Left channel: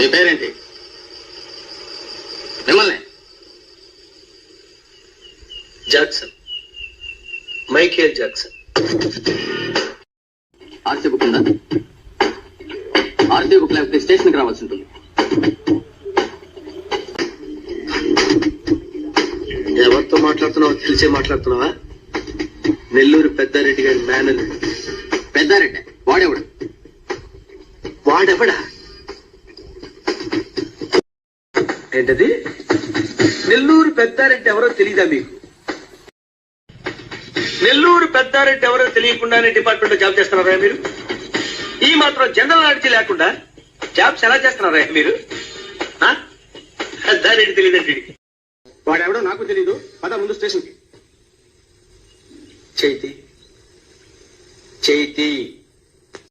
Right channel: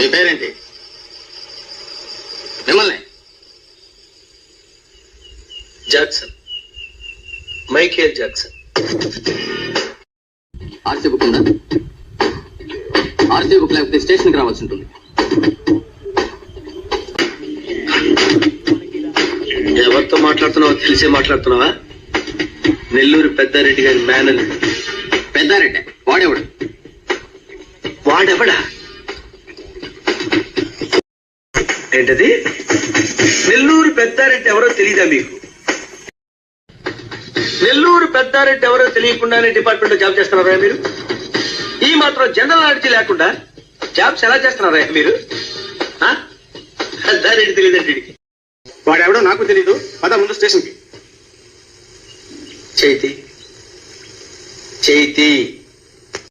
మీ పేరేంటి? మిమ్మల్ని Jackson, Michael Jackson. RC book ఉందా? ఆర్సీ బుక్ లేకపోతే స్టేషన్కి రావాల్సి ఉంటుంది. ఎవరితో మాట్లాడుతున్నావో తెలిసే మాట్లాడుతున్నావా? నెల్లూరు పెద్దారెడ్డి గారి మేనల్. పెద్దారెడ్డి వాడేవాడు? వాడెవడా? ఏంటది? నెల్లూరు పెద్దారెడ్డి ఎవరో తెలీదా మీకు? నెల్లూరు పెద్దారెడ్డి ఎవరో తెలియకుండానే డిపార్ట్మెంట్ లో జాబ్ చేస్తున్నారా మీరు? ఈ మాత్రం జనరల్ నాలెడ్జ్ లేకుండా జాబ్స్ ఎలా చేస్తున్నారా మీరు? పెద్దారెడ్డి తెలియదండి. వాడెవడో నాకు తెలీదు. పద ముందు స్టేషన్కి. చైతి, చైతి